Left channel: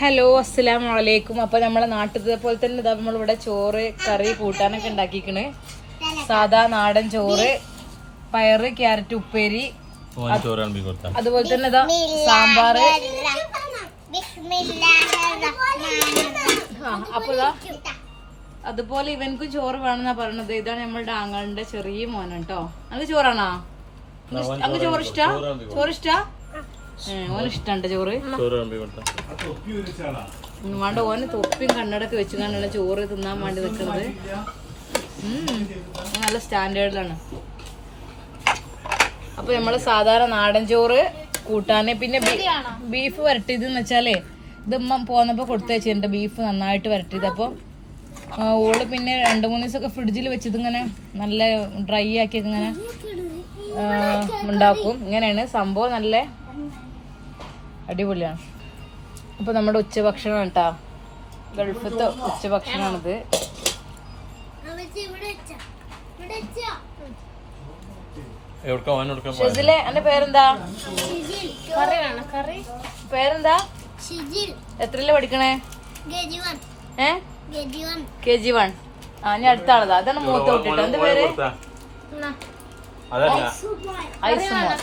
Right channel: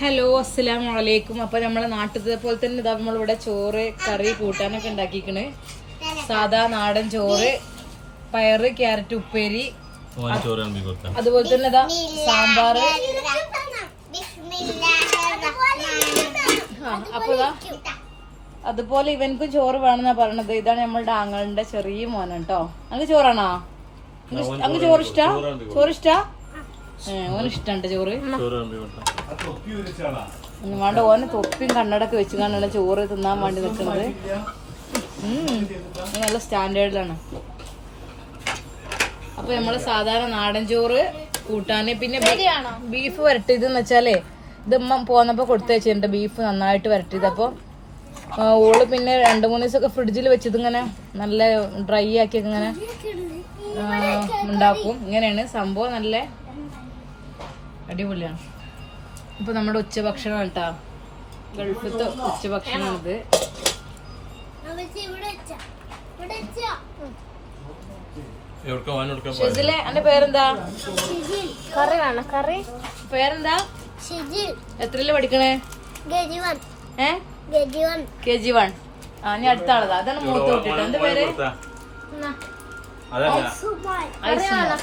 Hello അസ്സലാം വലൈക്കും അപ്പൊ നമ്മളെ നാട്ടിലത്തെ പോലെ തന്നെ ഇതാ നമ്മളിവിടെ ചോറ് കറി കൂട്ടാനൊക്കെ ഉണ്ടാക്കിക്കണ്. സാധാ നാടൻ ചോറ് പയറ് ക്യാരറ്റ് ഉപ്പേരി അതുപോലെ തന്നെ ഇതാ സാമ്പാറ് ആ അപ്പൊ ഇതാ അതുപോലെ ഇവനക്കും ചോറ് വേണമെന്നാ പറയണത്. ഇതാണ് നമ്മളുടെ ആങ്ങളുടെ ചെറിയ മോനാണ് കേട്ടോ അങ്ങ് ചോറാണോ? അങ്ങ് ചോറിഷ്ട ഇഷ്ടാ? ചോറ് ഇഷ്ടാ? ഏ ഓന് ഇഷ്ടണ്ട് ചോറ്. വേണ്ട തൊപ്പിയും കണ്ണടൊക്കെ വെച്ച് കണ്ടാണ് ചോറ് തിന്നാൻ വേണ്ടി നിൽക്കുന്നത് നല്ല സ്റ്റാൻഡേർഡിലാണ്. അപ്പൊ നമ്മൾ സാധാരണ നാടൻ ചോറ് കൂട്ടാന് പിന്നെ ബീഫ് വരട്ടിയതെന്ന് വെച്ചാലേ ഇത് ഉമ്മ പോന്നപ്പോ കൊടുത്തു വെച്ചിട്ടുണ്ട് ബീഫ് നന്നായിട്ട് വരട്ടിയത്. അപ്പൊ ഓൾ പിന്നെ രണ്ടു മൂന്ന് ദിവസമൊക്കെ ഫ്രിഡ്ജിൽ വെച്ചത് ഇങ്ങനെ നല്ല ഡ്രൈ ആക്കിയൊക്കെ ഇങ്ങനെ ഉണ്ടാക്കും. ഇങ്ങനെയാണ് സംഭവം നല്ല അടിപൊളിയാണ്. ഇപ്പൊ നമ്മുടെ ഉച്ചഭക്ഷണം കേട്ടാ ഗൾഫത്തെ ഉച്ചഭക്ഷണമാണിത് ഷെസിലെ എന്റെ പേരെന്താ? കറി വേണം കറി. പേരെന്താ? ഷിജിൽ. എത്രയിൽ പഠിക്കണേ? കെ ജി വൺ ആ ഞാൻ അടുത്ത ആളതാ. അതാണ് മൂത്ത കുട്ടിട്ട്. എന്റെ പേര്?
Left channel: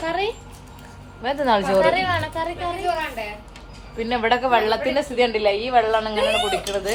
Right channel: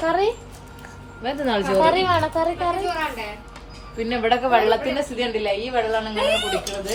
കറി? കറി ചോറ്. പിന്നെ ഇവിടൊക്കെ വെള്ളത്തിന്റെ സ്ഥിതി ഉണ്ടില്ല ഈ വെള്ളമാണ് ഇങ്ങനെ കുടിക്കുന്നത്